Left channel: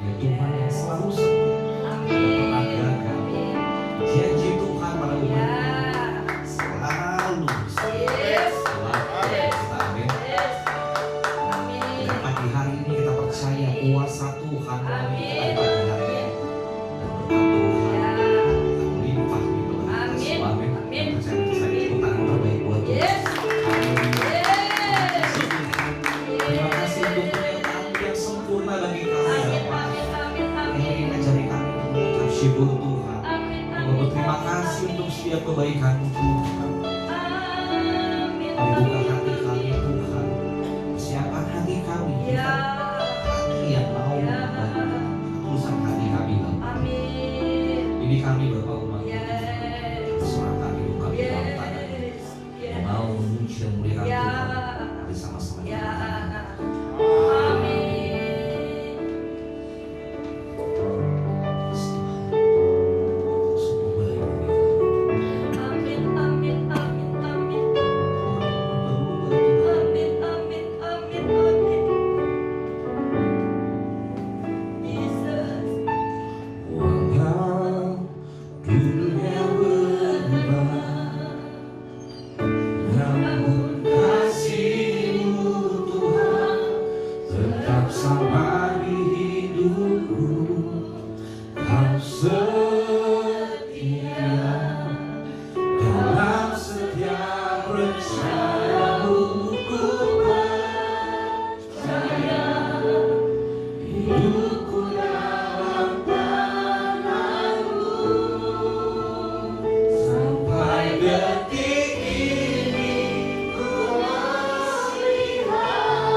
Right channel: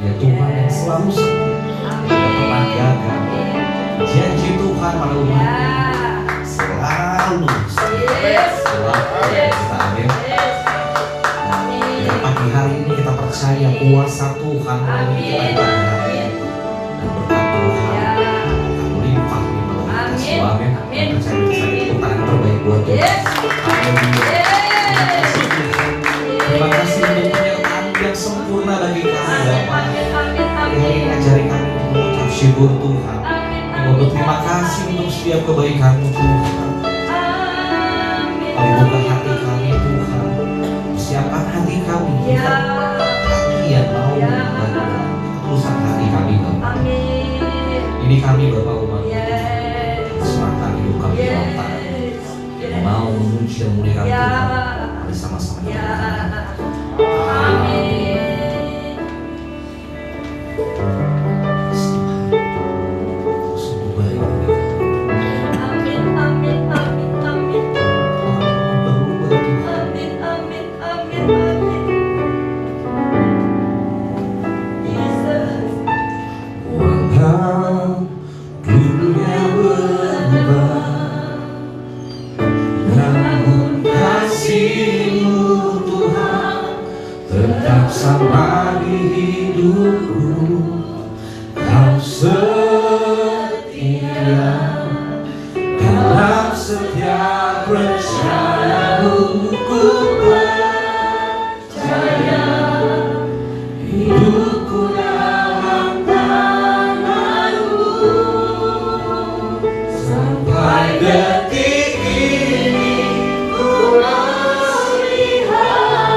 Ya Tuhan yang selalu setia, tidak pernah gagal. Janji Tuhan pada umatnya selalu setia, selalu kita amin. Dan pagi hari ini kita percaya kuasa Tuhan melalui kita di pagi hari ini, dan berkat Tuhan akan melimpah di bawah kita semua amin. Percaya bisa itu Tuhan yang terbaik buat kita. Haleluya. Terima kasih untuk penyertaan yang sempurna bagi kami Bapa. Yang mengajari kami untuk mengucap syukur Tuhan. Kami berterima kasih untuk setiap kebaikan-Mu Tuhan. Kami buka hati kami Tuhan. Siapkan hati kami. Hati yang mau dan ketulusan hati kami Bapa. Ini kami Bapa umat serahkan hidup kami dalam tangan yang mau memuji dan memuliakan Tuhan bersama-sama. Sama di hidupku, Kau setia dalam setiap rencana-Mu. Ku percaya hidupku dalam tangan-Mu sampai detik ini. Ku melihat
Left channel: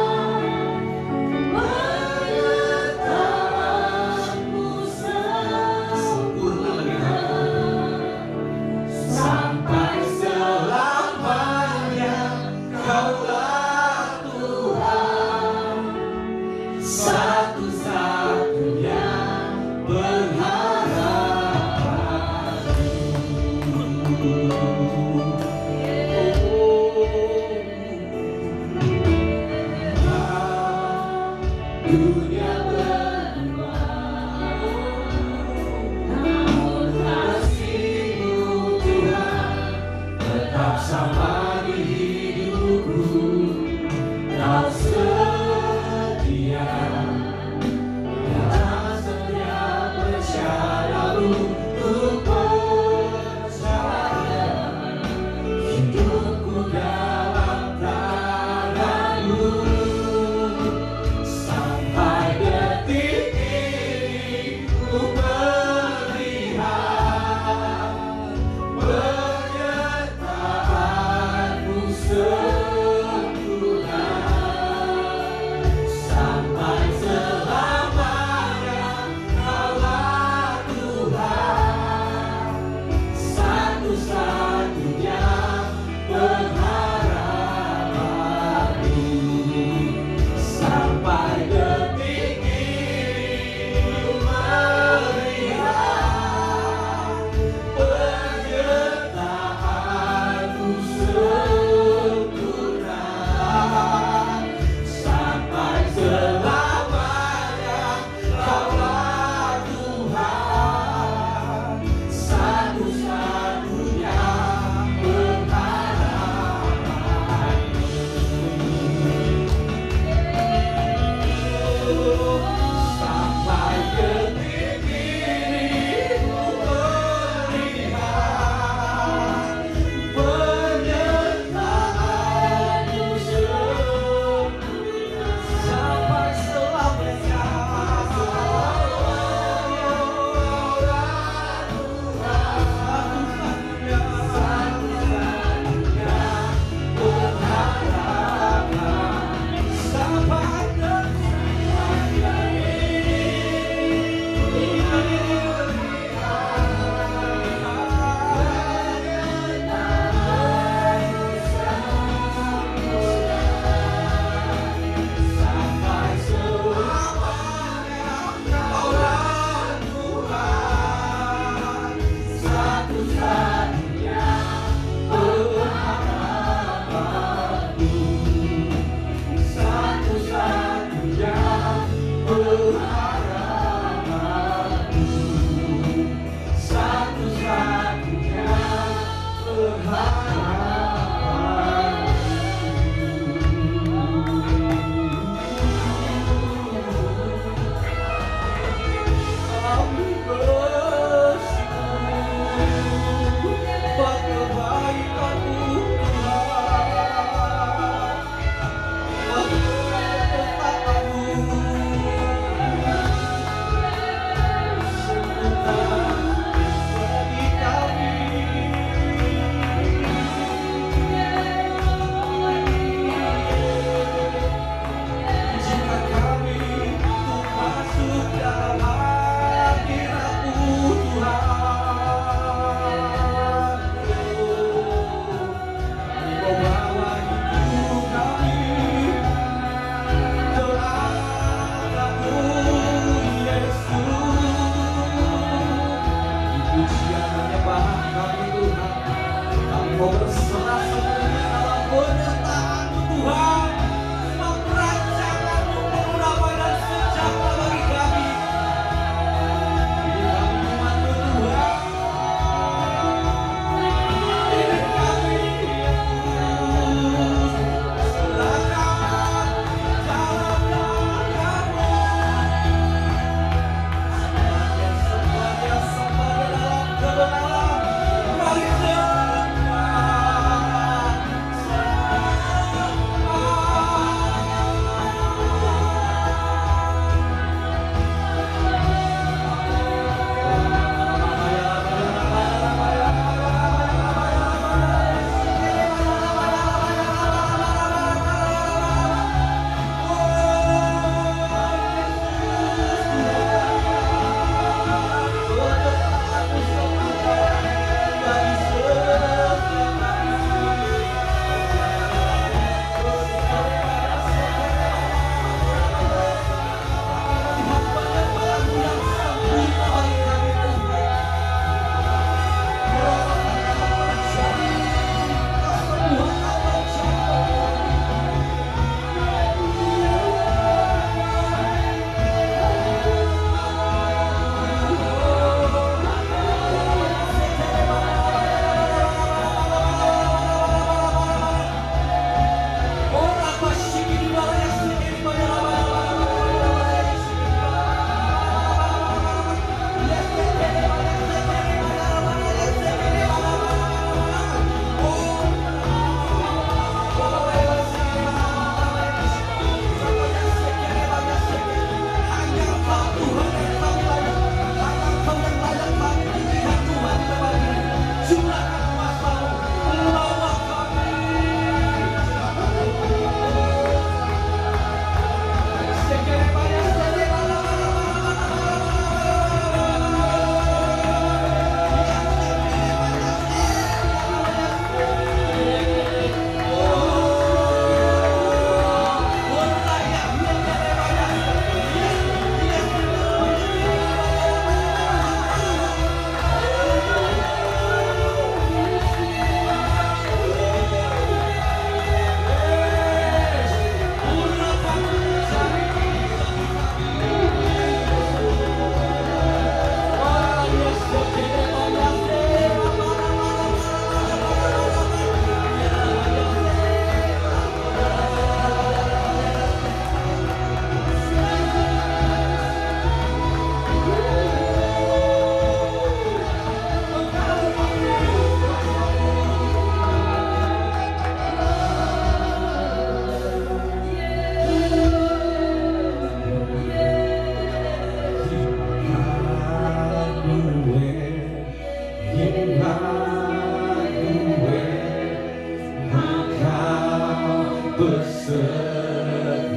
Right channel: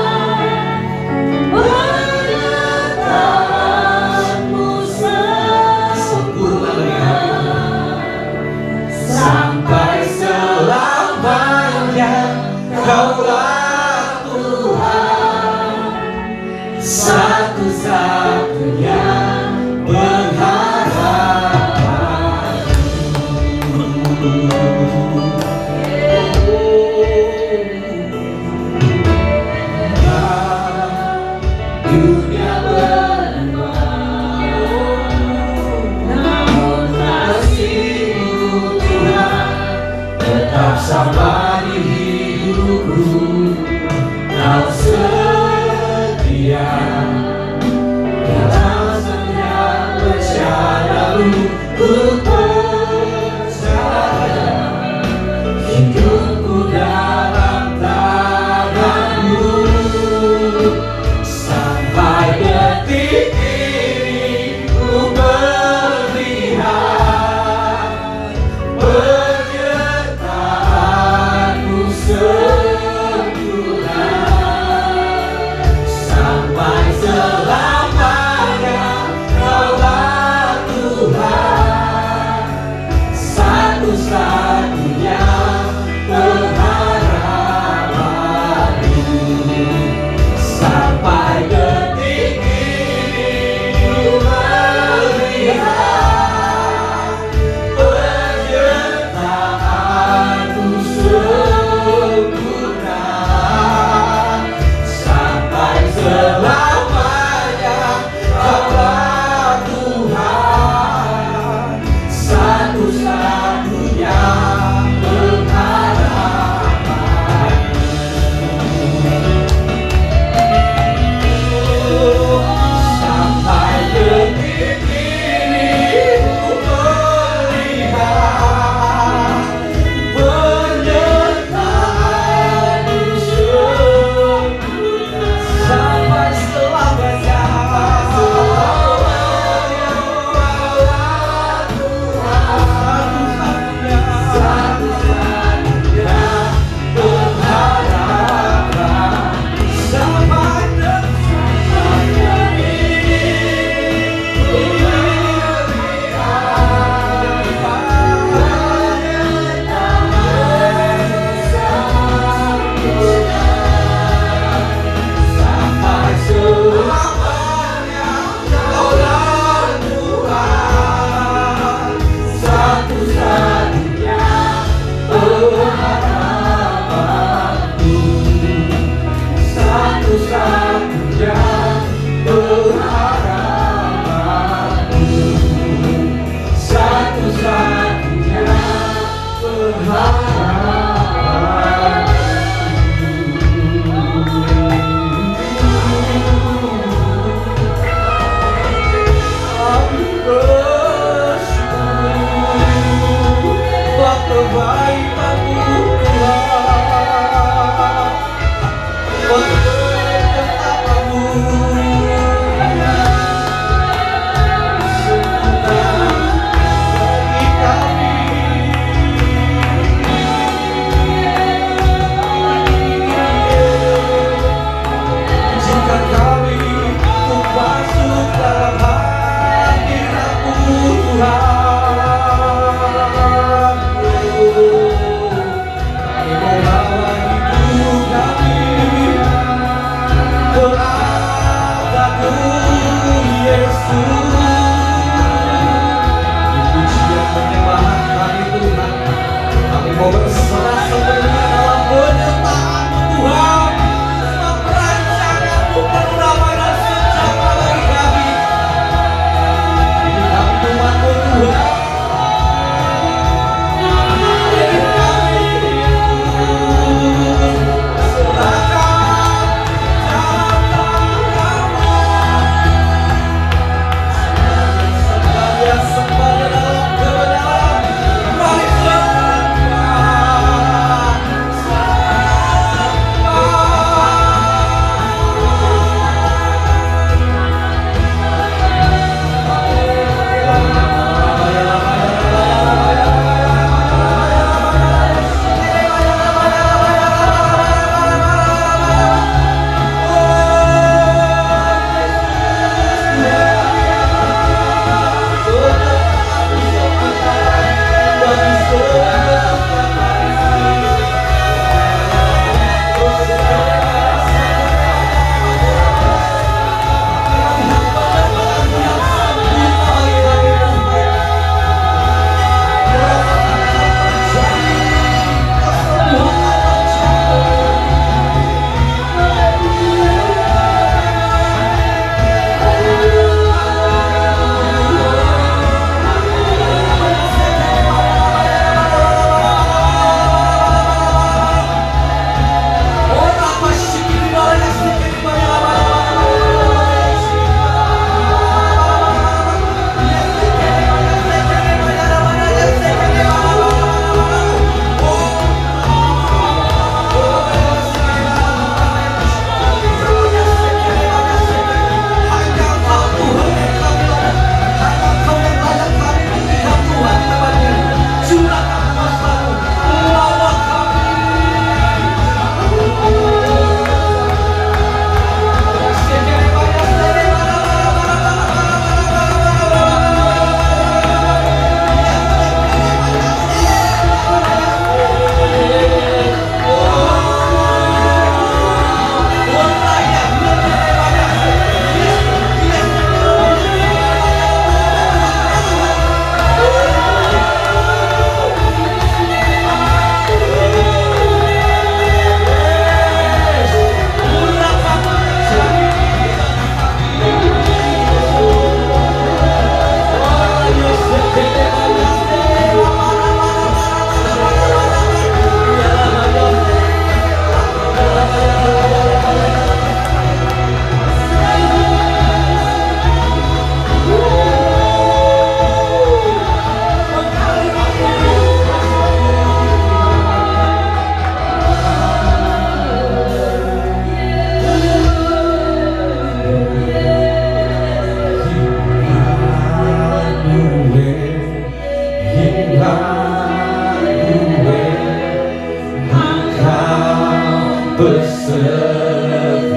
Engkau besertaku.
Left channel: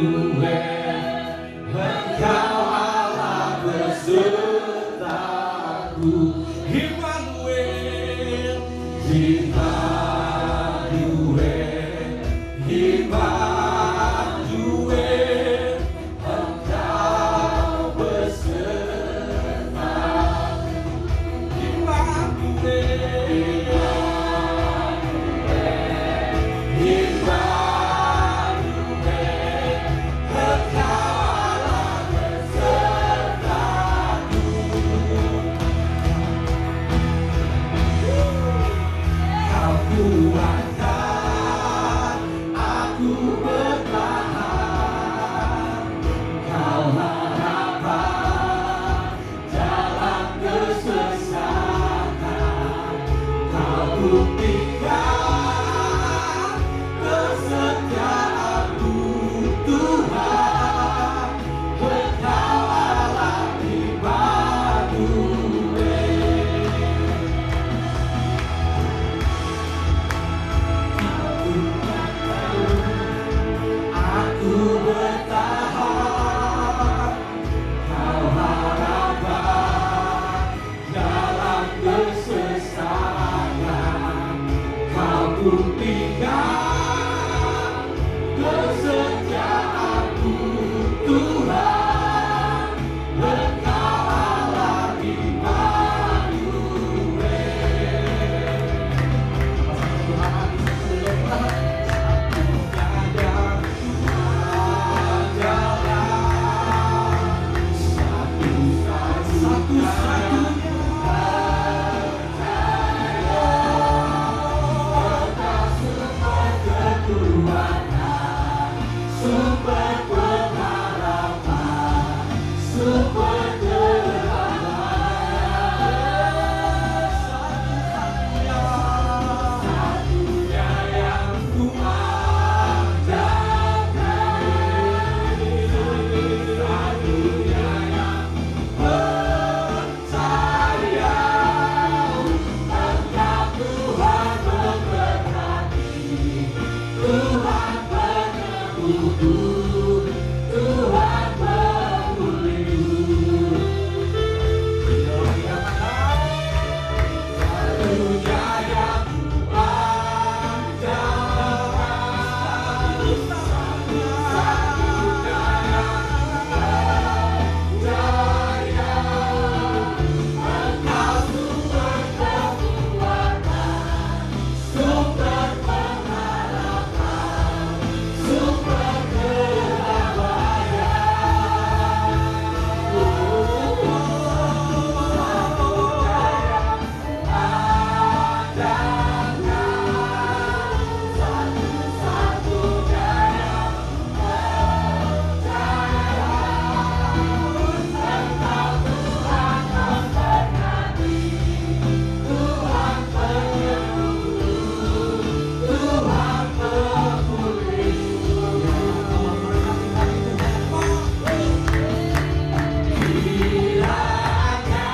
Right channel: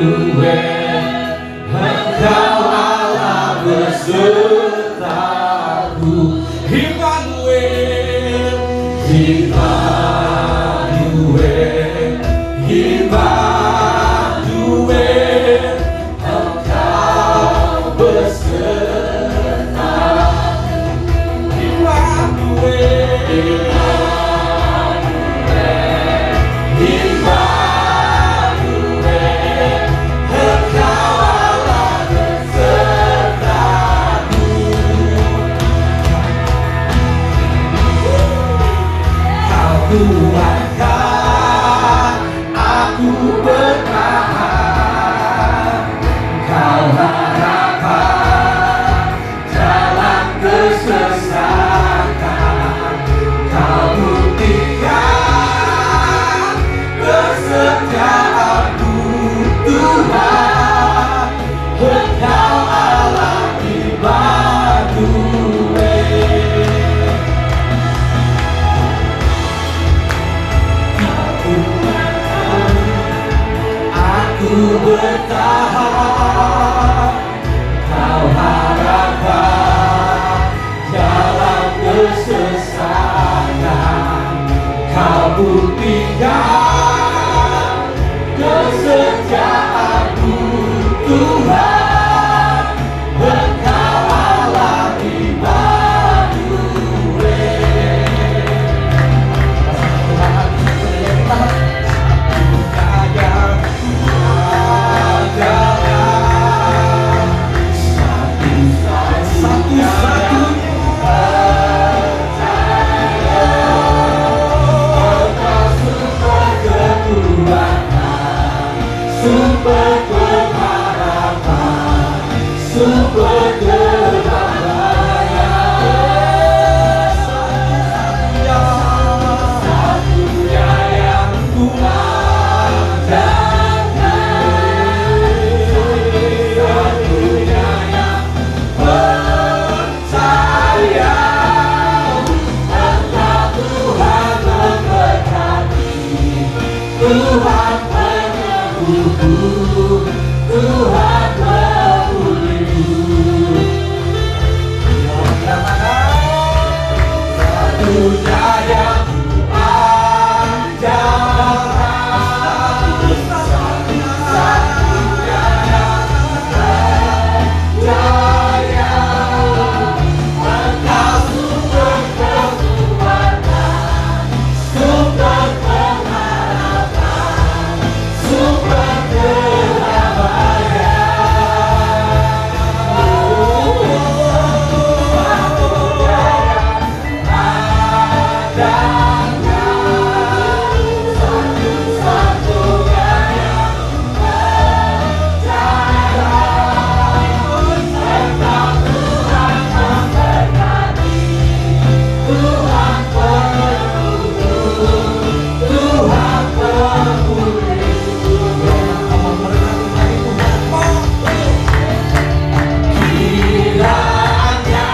Emmanuel, Engkau Allah besertaku. Emmanuel, Emmanuel, Emmanuel, Engkau besertaku. Emmanuel, kuatkan aku bertahan, Kau harapan dalam kesesakan, Kau buktikan kesetiaanmu Tuhan, Engkau Allah Immanuel. Aku bertahan, Kau harapan dalam kesesakan, Kau buktikan kesetiaanmu Tuhan, Engkau Allah Super pengharapan, super keramaian, satu-satunya yang kuat dan satu-satunya yang percaya. Engkau Tuhan memberkati, Tuhan Tuhan memulihku. Satunya yang kuandalkan, satu-satunya yang percaya. Engkau sumber kekuatan, sumber pengharapan, sumber kiranya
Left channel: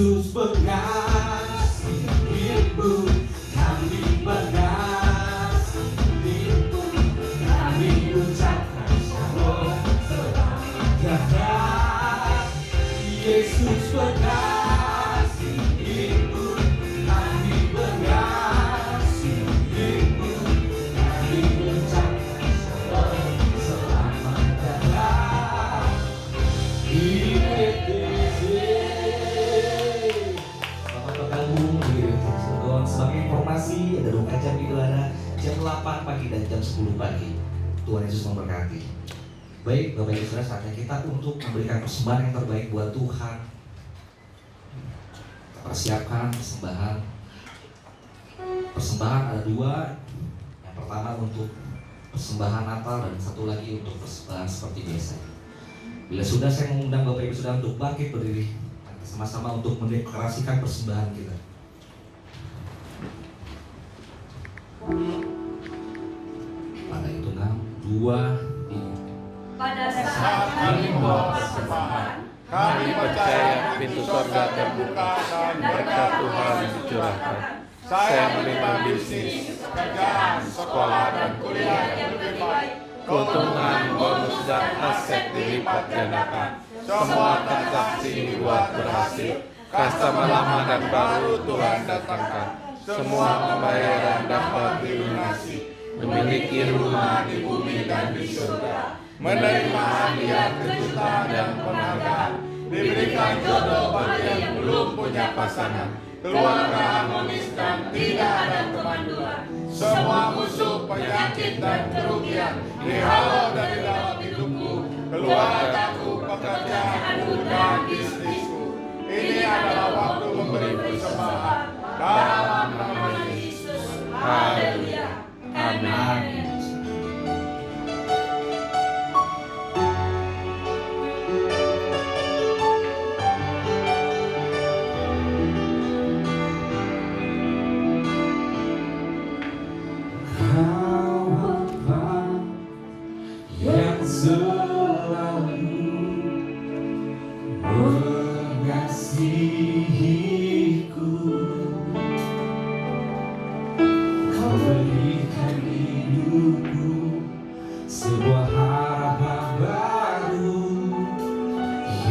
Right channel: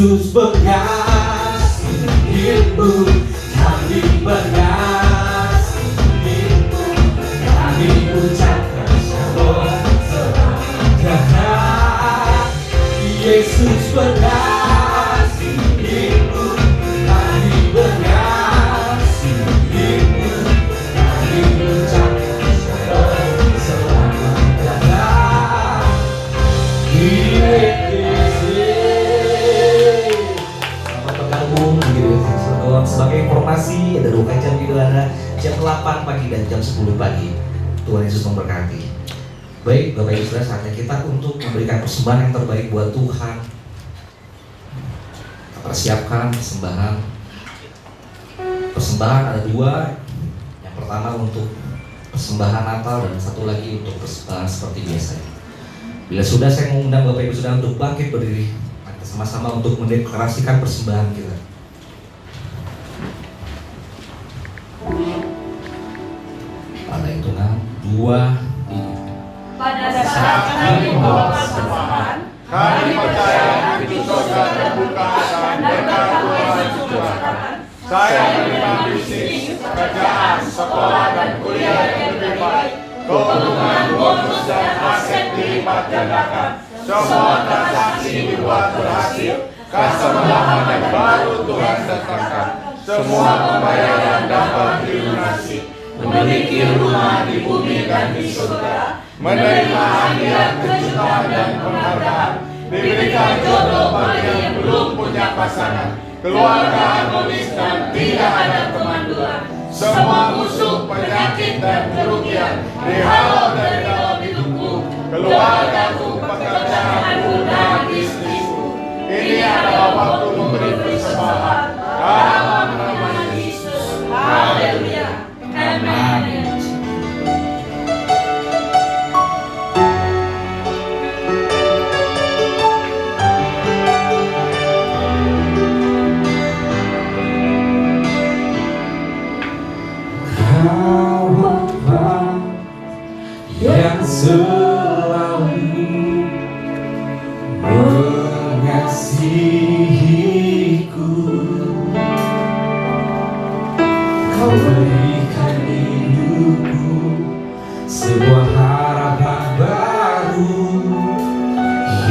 Yesus mengasihimu, kami mengasihimu, kami ucapkan shalom sejahtera. Yesus mengasihimu, kami mengasihimu, kami ucapkan shalom sejahtera. Sebagai informasi, ada 2 jam di Gelana, jam 8 pagi dan jam 10 pagi. Tuhan Yesus memberkati. Baik, Bapak Ibu Saudara, saatnya kita untuk memberikan persembahan yang terbaik buat Tuhan. Kita persiapkan persembahan. Persembahan ada 2. Yang pertama untuk persembahan Natal dan satu lagi untuk persembahan seperti biasa. Bila sudah, saya mengundang Bapak Ibu Saudara untuk bangkit berdiri, kita sama-sama untuk mendeklarasikan persembahan kita. Pada hitungan 2, 3. Pada saat kami membawa persembahan, kami percaya pintu surga terbuka dan berkat Tuhan dicurahkan. Saya menerima bisnis, pekerjaan, sekolah dan kuliah yang lebih baik. Keuntungan, bonus dan aset dilipat gandakan. Semua transaksi dibuat berhasil. Customer yang baru Tuhan datangkan. Semua pembayaran dapat dilunasi. Memiliki rumah di bumi dan di surga. Menerima hadiah kejutan dan penghargaan. Diberikan jodoh bagi yang belum punya pasangan. Keluarga harmonis dan tidak ada kemanduan. Semua musuh, penyakit dan kerugian dihalau dari dalam hidupku, keluargaku, pekerjaanku dan bisnisku. Ini adalah waktu memberi persembahan. Dalam nama Yesus. Haleluya. Amin. Yang selalu mengasihiku, Kau berikan hidupku sebuah harapan baru.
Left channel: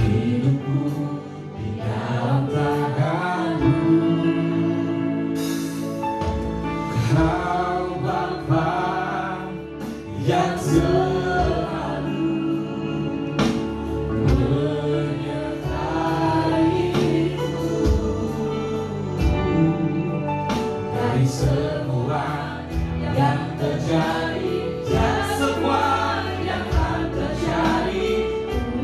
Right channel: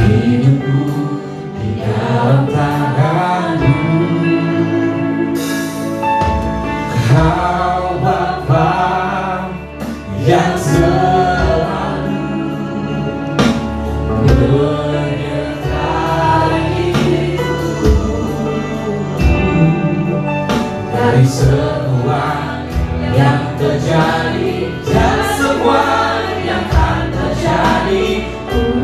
Hidupku di dalam tangan-Mu, Kau Bapa yang selalu menyertaiku dari semua yang terjadi dan semua yang akan terjadi.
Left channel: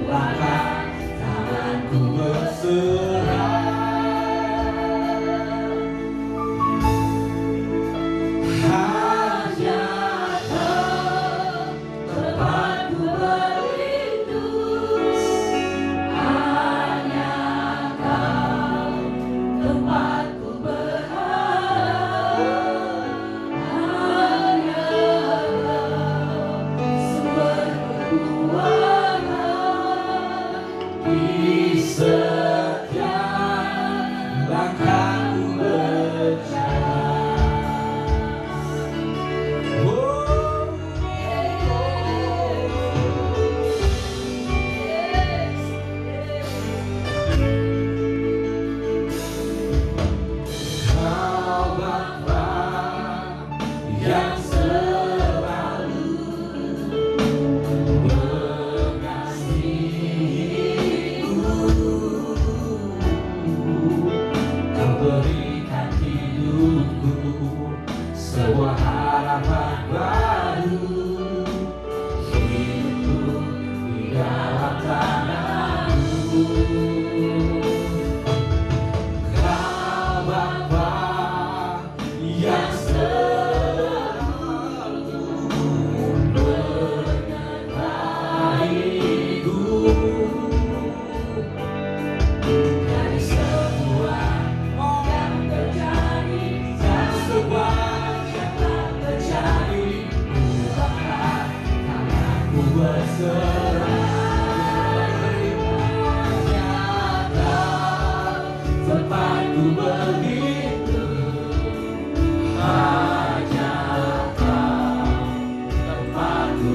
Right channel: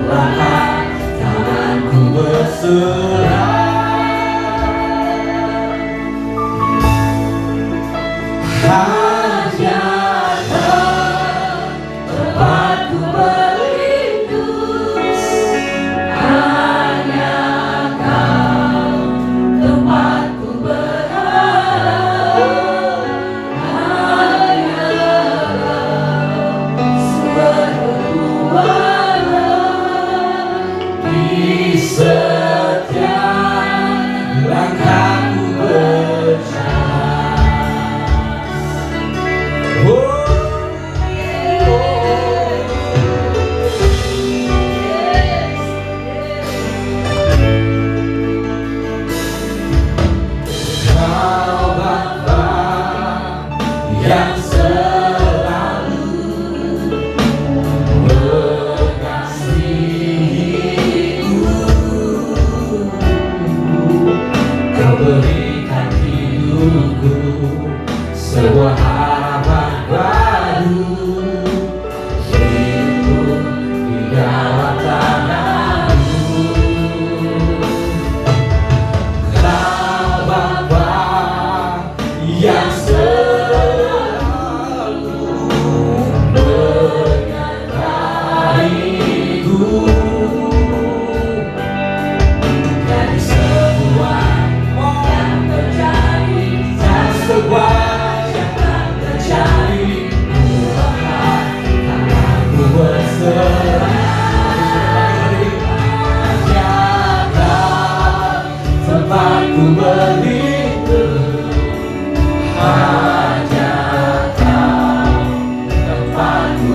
Bahkan tanganku berserah. Hanya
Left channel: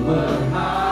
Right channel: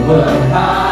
berharap